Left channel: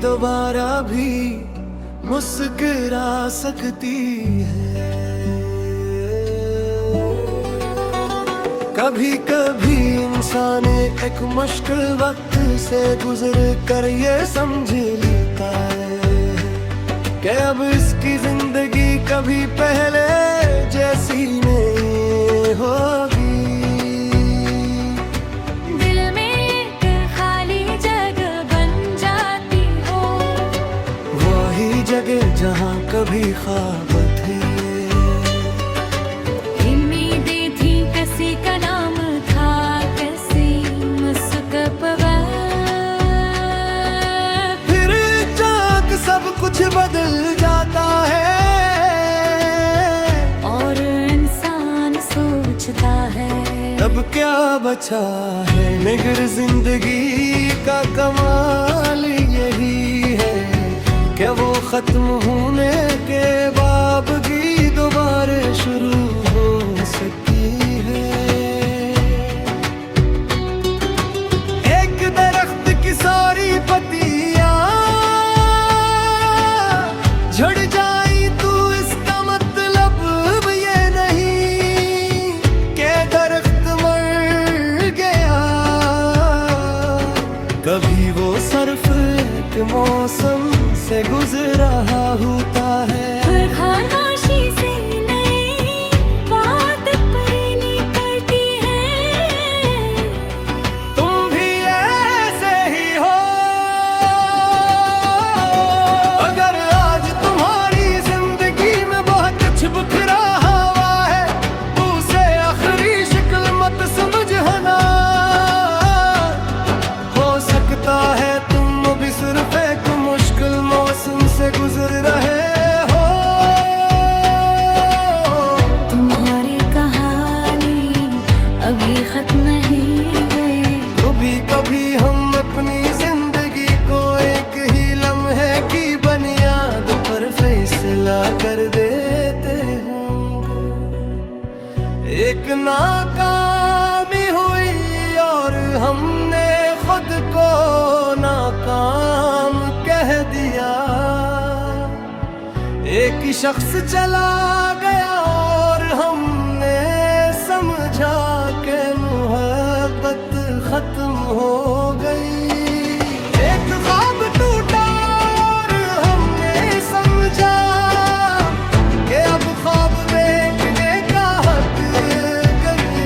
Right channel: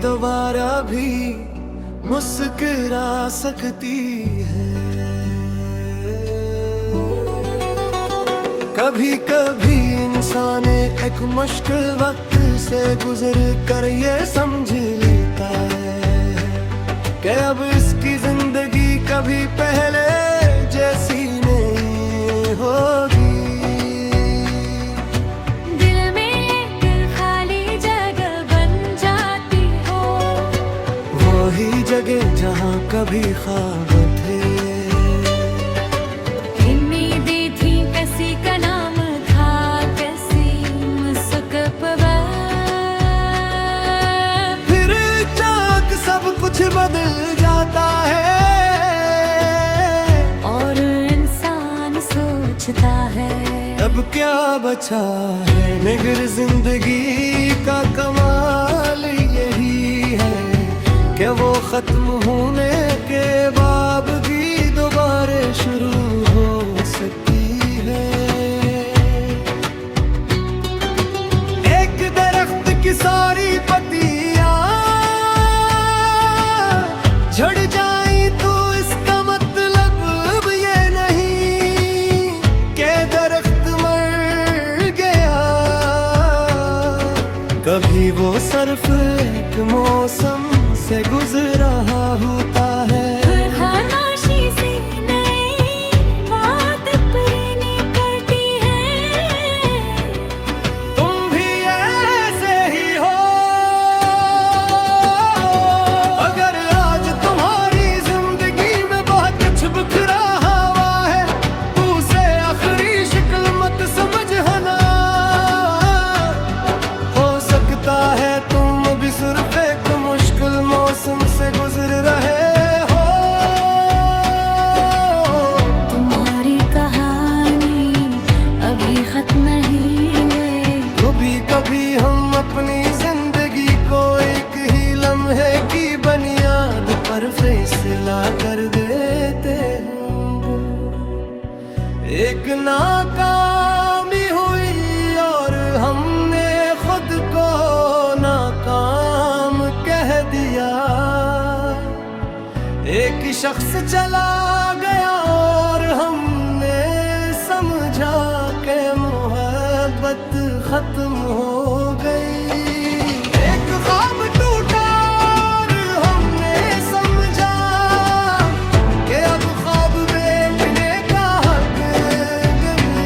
दोबारा भी मुस्कुरा सकती है। कभी कभी इंसान एक मुश्किल वक्त से गुजर कर ये समझ लेता है कि अब इसकी जिंदगी कभी पहले जैसी नहीं होगी। दिल में एक खाली जगह बन जाती हो, वही जगह जहाँ कभी ख्वाब थे। उम्मीदें थी, किसी का नाम था, किसी मुस्कुराता। फिर चाक सब कुछ बदल जाता है और इंसान सोचता है अब क्या बचा है। मगर जिंदगी का कमाल यही है कि वो खत्म होने के बाद भी दोबारा शुरू हो सकती है। एक दरख्त की सारी पत्तियां झड़ जाई तो इसका मतलब ये नहीं कि दरख्त मर गया। कभी वो सिर्फ एक मौसम से गुजरा होता है। खामोशी से नई बात करनी पड़ती है। तुम भी ऐसे ही हो। अगर आज तुम्हारी जिंदगी में बहुत कुछ बिखरा हुआ है तो उसे आखिरी शक्ल मत समझना। हो सकता है तुम भी सिर्फ एक मुश्किल मौसम से गुजर रहे हो। तुम्हारी कहानी अभी खत्म नहीं है। कभी कभी हम अपनी जिंदगी को एक ही लम्हे की बुनियाद पर फैसला कर देते होंगे। एक नाकामी हुई और हमने खुद को नाकाम कह दिया। एक शख्स चला गया और हमने समझा कि मोहब्बत खत्म हो गई। एक ख्वाब टूटा और हमने समझा कि अब ख्वाब देखने का हक गई।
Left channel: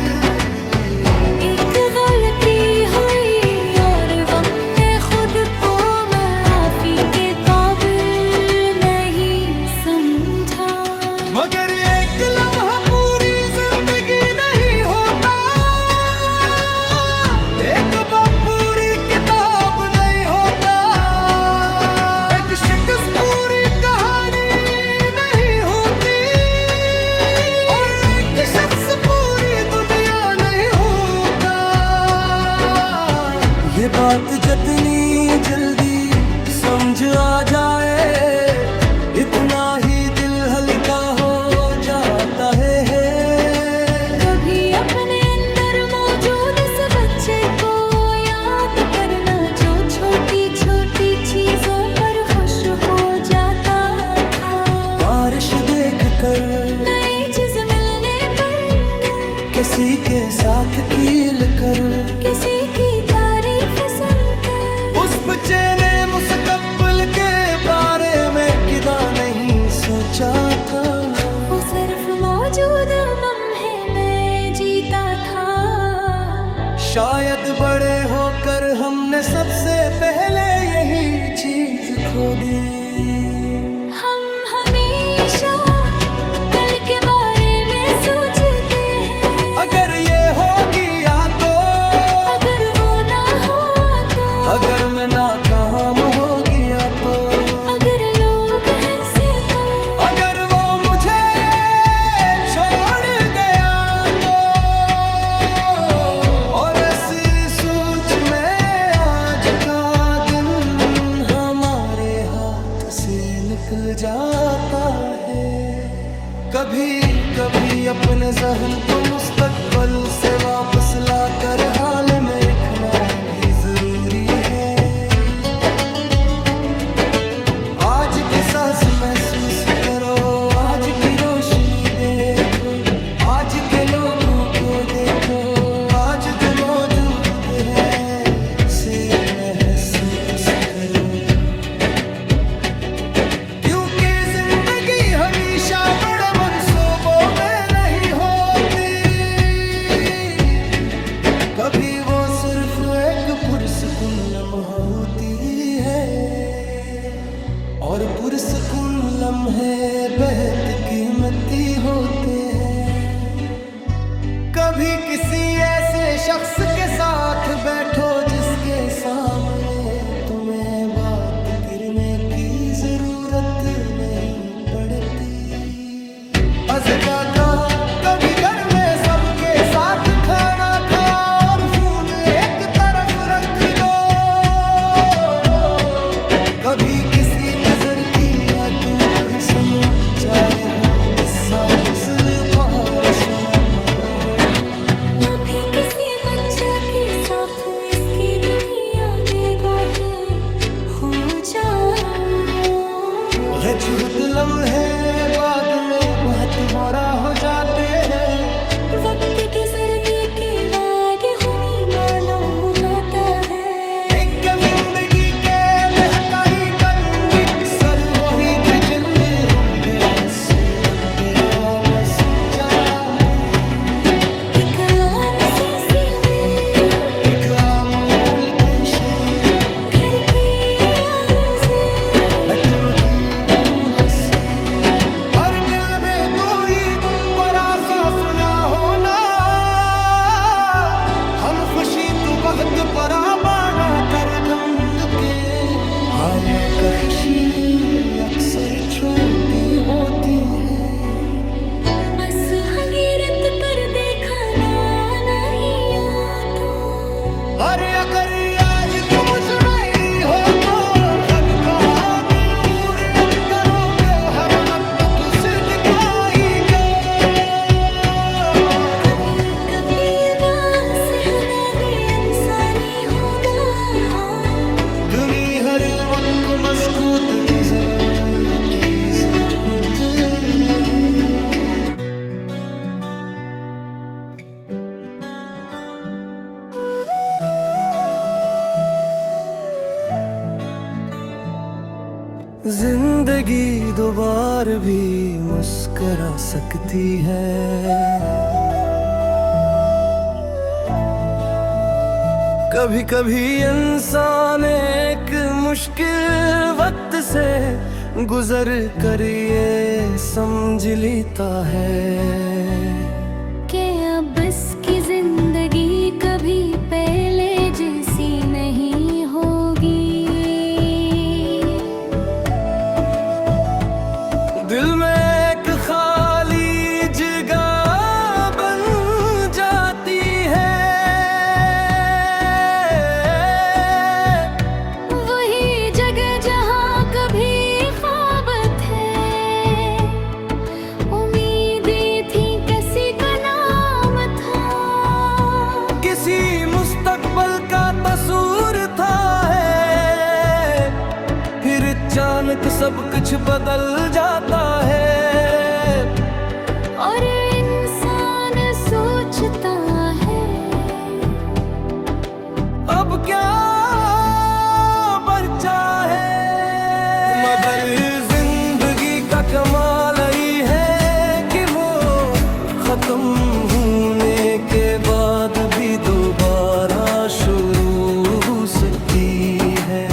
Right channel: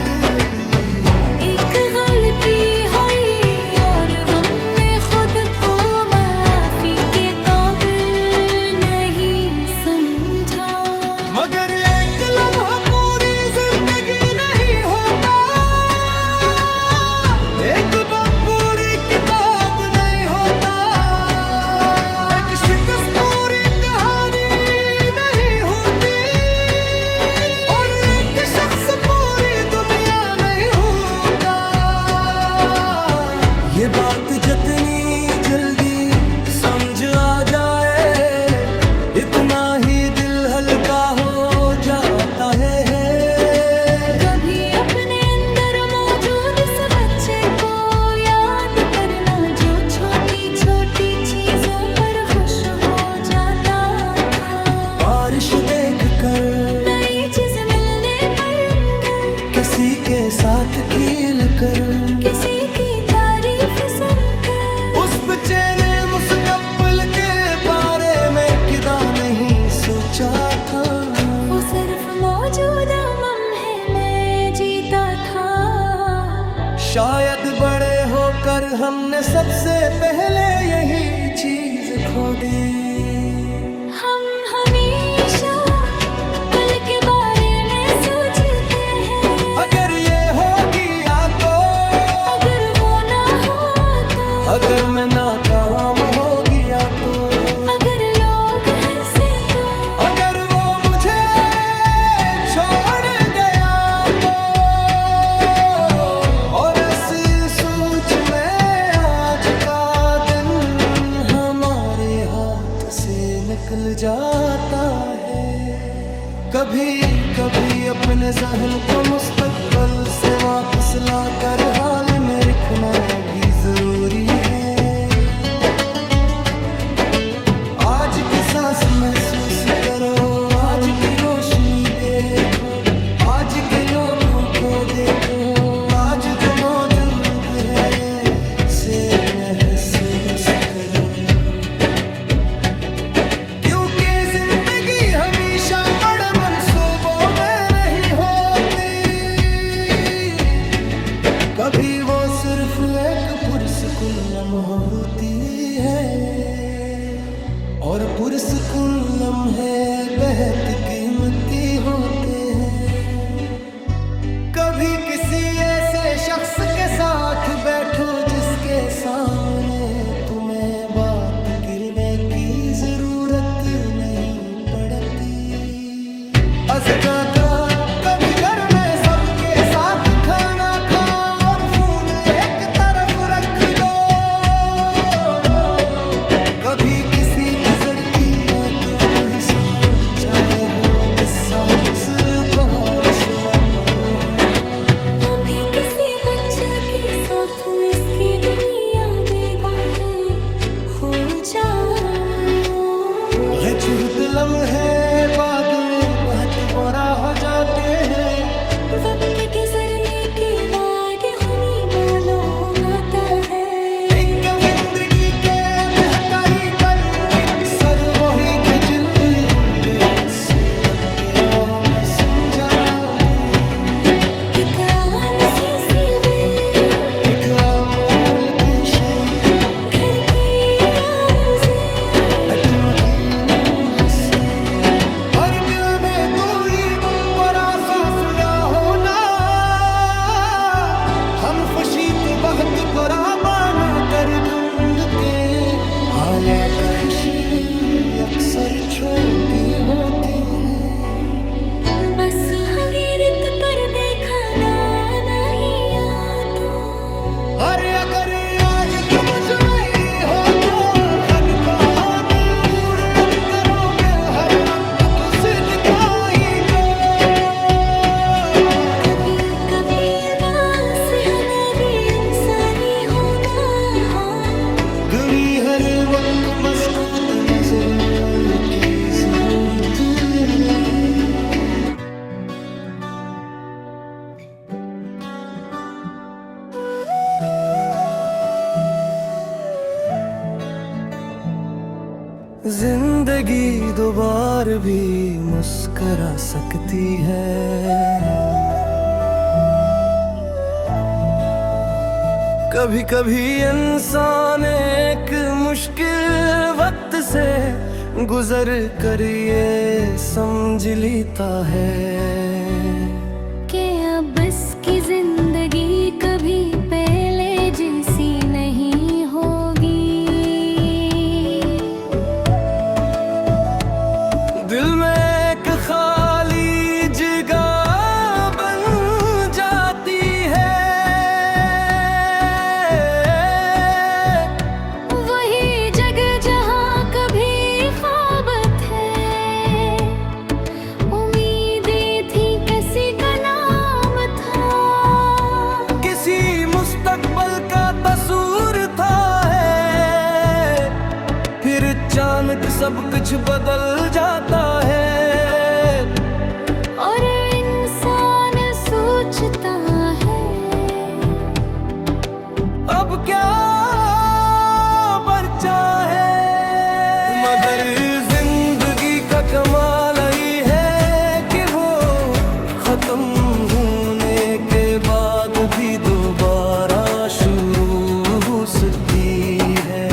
एक गलती हुई और हमने खुद को माफी के काबिल नहीं समझा। मगर एक लम्हा पूरी जिंदगी नहीं होता, एक बाप पूरी किताब नहीं होता, एक शिकस्त पूरी कहानी नहीं होती और एक शख्स पूरी दुनिया नहीं होता। ये बात जितनी जल्दी समझ आ जाए इतना ही दिल हल्का हो जाता है। कभी अपने अंदर मौजूद इस बच्चे को याद करना जो छोटी छोटी चीजों पर खुश हो जाता था। बारिश देख कर नई चीज मिलने पर किसी के साथ कील कर किसी की तारीफ सुनकर उस बच्चे ने मुस्तकबिल के बारे में किदा नहीं सोचा था। वो सिर्फ मौजूदा लम्हे में जीता था। शायद बड़े होकर हमने सबसे पहले यही चीज खो दी। हम हमेशा कल के बारे में सोचते हैं। अगर ये हो गया तो, अगर वो ना हुआ तो, अगर मैं नाकाम हो गया तो, अगर लोग हंसे तो, अगर वो मुझे छोड़ गया तो। और ऐसी सोच में आज का दिन हमारे हाथ से निकल जाता है। कभी कभी अपने जहन को मुस्तकबिल से वापस लाकर हाल में रखना भी जरूरी है। आज की सांस महसूस करो, आज की रोशनी देखो, आज के लोगों को देखो, आज जो मौजूद है से महसूस करो। क्योंकि जिंदगी हमेशा बड़े मंसूबों में नहीं होती, कभी वो सिर्फ एक पुरसुकून लम्हा होती है, और पुरसुकून लम्हे बेहद कीमती होते हैं। कभी किसी ऐसे शख्स के साथ बैठो जिसके सामने तुम्हें बात करने की जरूरत नहीं पड़ती। अज़गा का कभी घर में सबके साथ खाना खा और फोन एक तरफ रख दो। कभी किसी गुजर की याद ही सुनो, चाहे हो किस्सा उपहार सुनाना हो। कभी किसी बच्चे के साथ इसकी दुनिया देखो कि हो जाओ। झूठ लम्हे बादले बहुत बुरा हो जाते हैं, वक्त गुजरने के बाद हुनी मालूम होता है। एक जिंदगी के बहकाई कल सर वही के जिंदगी होंगे ऐसे वक्त आम सुन जागे। एक आम सी सीधे एक अमूल की शय घर के अटनों की हंसी, हर दिल में कोई बड़ा सा सुना होना। हम खुशी तो बहुत बड़ा बना कर ढूंढ के, हाया कहिशी अक्सर छोटी होती है। बस हकीरत पर देखा ना नहीं तो। अरे अगर आज तुम जाएगी हो तो बनका हर वक्त मस्कूत नजर आए की जरूरत नहीं। जिंदगी दोबारा भी मुस्कुरा सकती है। कभी कभी इंसान एक मुश्किल वक्त से गुजर कर ये समझ लेता है कि अब इसकी जिंदगी कभी पहले जैसी नहीं होगी। दिल में एक खाली जगह बन जाती है, मुस्तकबल का तसूर था है, फिर अचानक सब कुछ बदल जाता है। और इंसान सोचता है अब क्या बचा है, मगर जिंदगी का कमाल ही है कि वो खत्म होने के बाद भी दोबारा शुरू हो सकती है।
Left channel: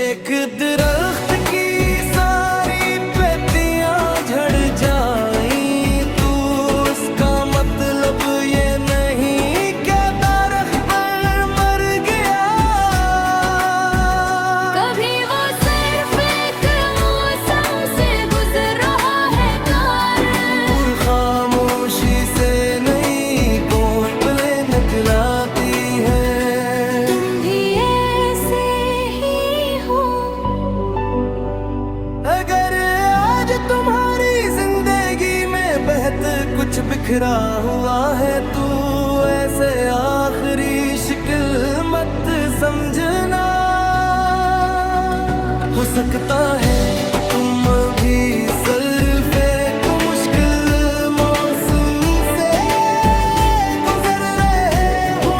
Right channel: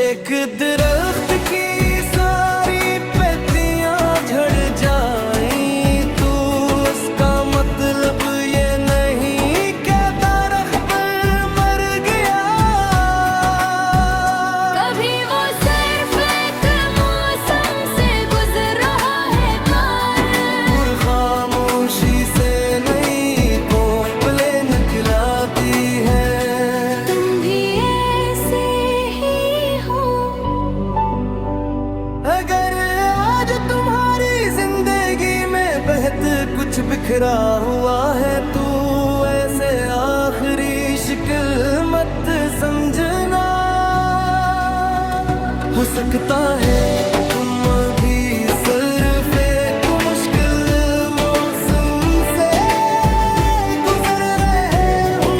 एक दरख्त की सारी पत्तियां झड़ जाएं तो इसका मतलब ये नहीं कि दरख्त मर गया। कभी वो सिर्फ एक मौसम से गुजर रहा है कार, खामोशी से नई कोपले निकलाती है। तुम भी ऐसे ही हो। अगर आज तुम्हारी जिंदगी में बेहद कुछ बिखरा हुआ है तो ऐसे आखिरी शिकल मत समझना। हो सकता है तुम अभी सिर्फ एक मुश्किल मौसम से गुजर रहे हो।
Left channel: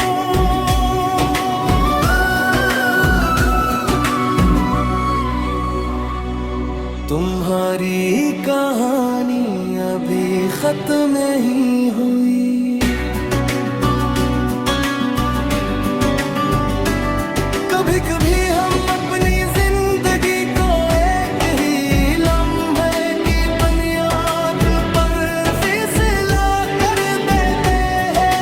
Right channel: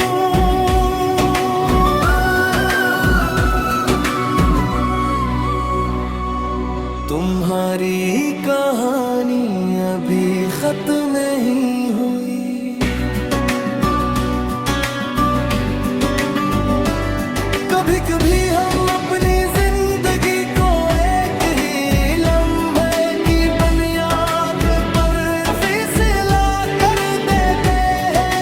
तुम्हारी कहानी अभी खत्म नहीं हुई। कभी कभी हम अपनी जिंदगी को एक ही लम्हे की बुनियाद पर फिसला कर देते हैं।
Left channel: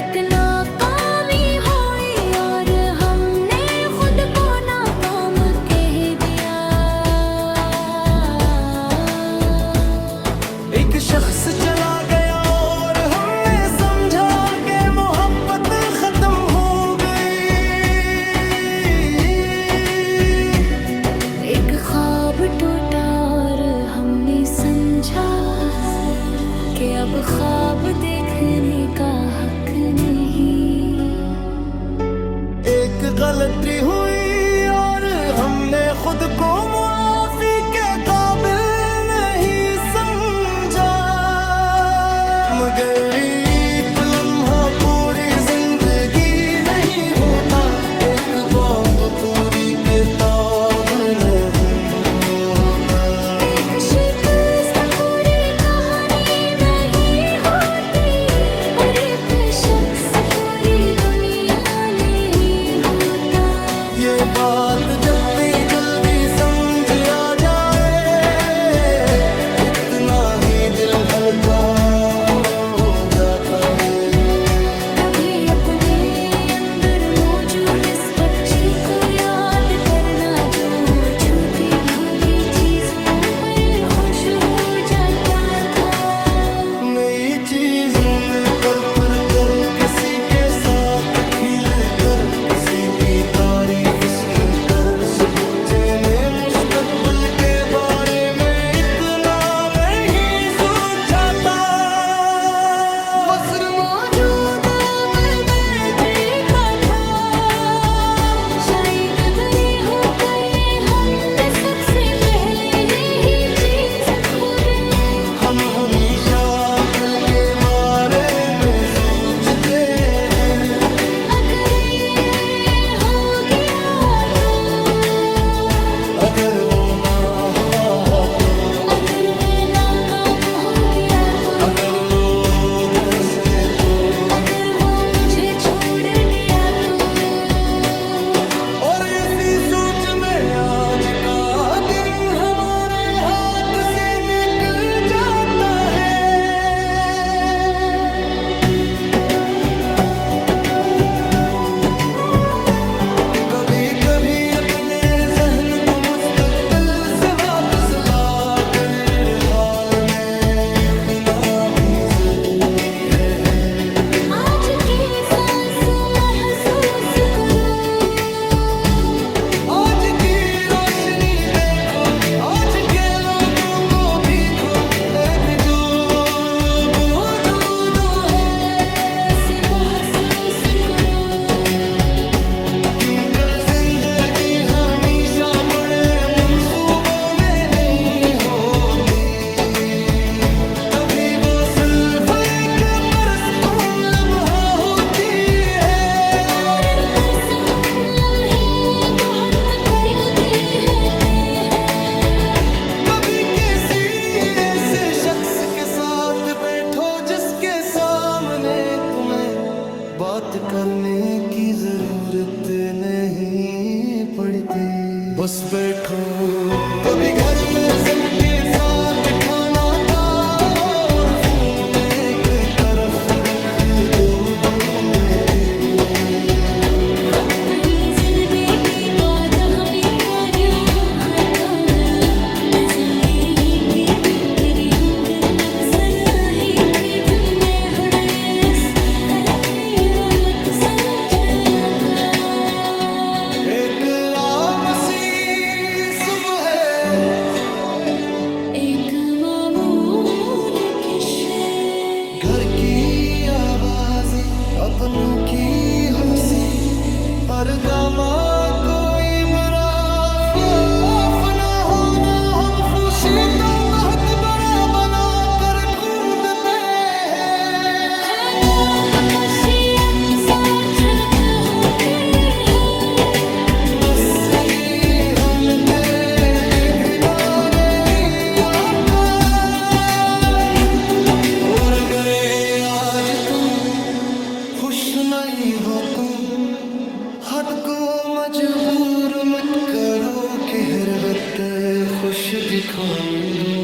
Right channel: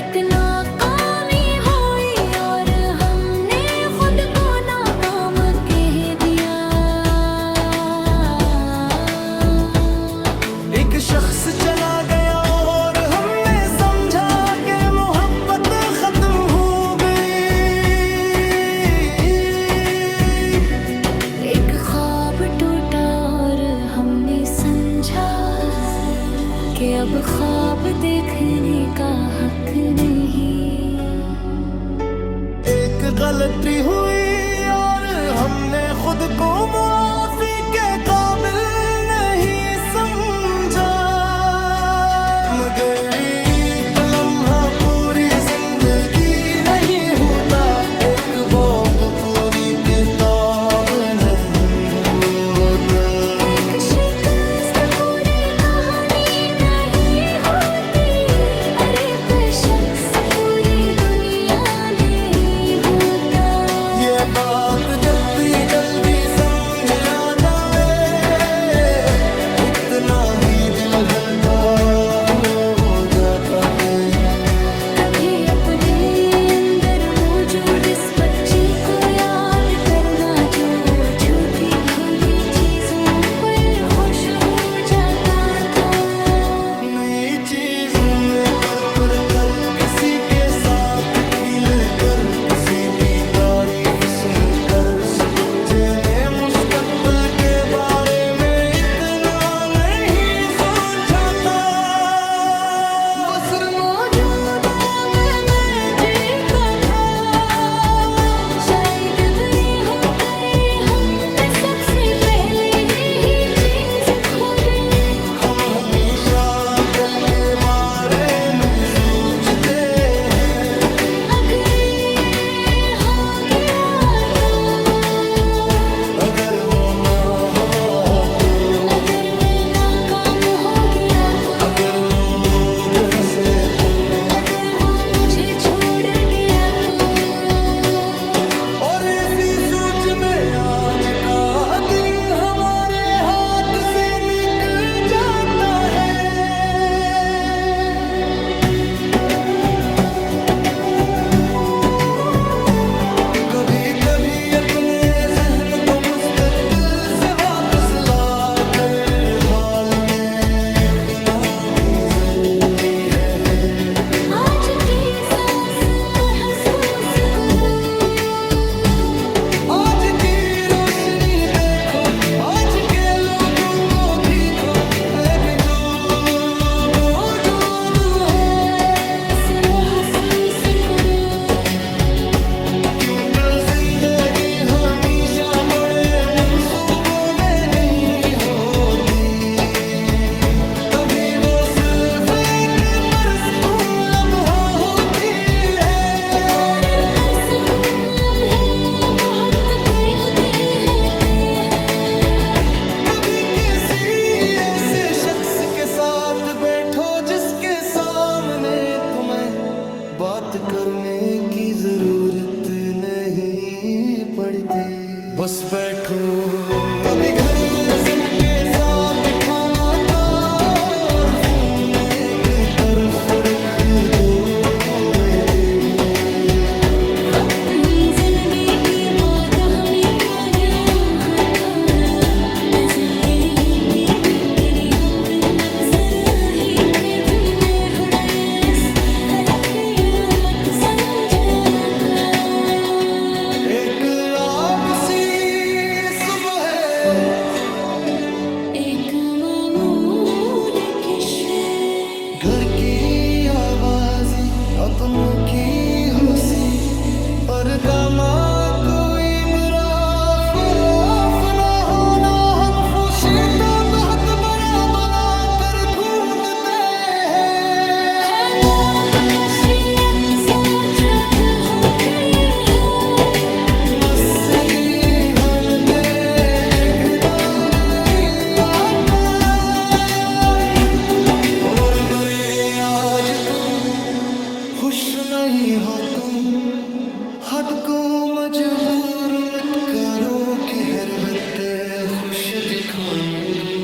एक नाकामी हुई और हमने खुद को नाकाम कह दिया। एक शख्स चला गया और हमने समझा कि मोहब्बत खत्म हो गई। एक ख्वाब टूटा और हमने समझा कि अब ख्वाब देखने का हक नहीं। एक गलती हुई और हमने खुद को मुआफी के काबिल नहीं समझा। मगर एक लम्हा पूरी जिंदगी नहीं होता, एक बॉब पूरी किताब नहीं होता। एक शिकस्त पूरी कहानी नहीं होती और एक शख्स पूरी दुनिया नहीं होता। ये बात जितनी जल्दी समझ आ जाए इतना ही दिल हल्का हो जाता है। कभी अपने अंदर मौजूद इस बच्चे को याद करना जो छोटी छोटी चीजों पर खुश हो जाता था। नई चीज में पर कर किसी के साथ खिल कर किसी की तारीफ सुन कर उस बच्चे ने मुस्तकबिल के बारे में इतना नहीं सोचा था। बस मौजूदा मैं जीता था। शायद बड़े होकर हमने सबसे पहले यही चीज खो दे। हम हमेशा कल के बारे में सोचते हैं। अगर ये हो गया तो, अगर वो ना हुआ तो, अगर मैं नाकाम हो गया तो, अगर लोग हंसे तो, अगर वो मुझे छोड़ गया तो। और इसी सोच में आज का दिन हमारे हाथ से निकल जाता है। कभी कभी अपने जहन को मुस्तकबिल से वापस ला कर हाल में रखना भी जरूरी है। आज की सांस महसूस करो, आज की रोशनी देखो, आज के लोगों को देखो। इसे महसूस करो। क्योंकि जिंदगी हमेशा बड़े मंसूबों में नहीं होती। कभी वो सिर्फ एक परस्तून लम्हा होती है। और परसकून लम्हे बहुत करीबी होते हैं। कभी किसी ऐसे शख्स के साथ बैठो जिसके सामने तुम्हें बात करने की जरूरत नहीं पड़ती। बस बैठो। कभी घर में सबके साथ खाना खाओ और फोन एक तरफ रख दो। अपनी जिंदगी बाद हमें हटाना जिंदगी के तेरे अंदर मत्सर ही थे तुमने हड़ेस करके मत समझा था। एक आम सी सुबह है, एक मामूल किस्से, घर की आवाज़ी अपनों की होसी, पर्दा माँ कोई बुरा आज तुम खुश नहीं हो तुम हद को मजबूर मत करो कि हर वक्त खुश दिखोने दो।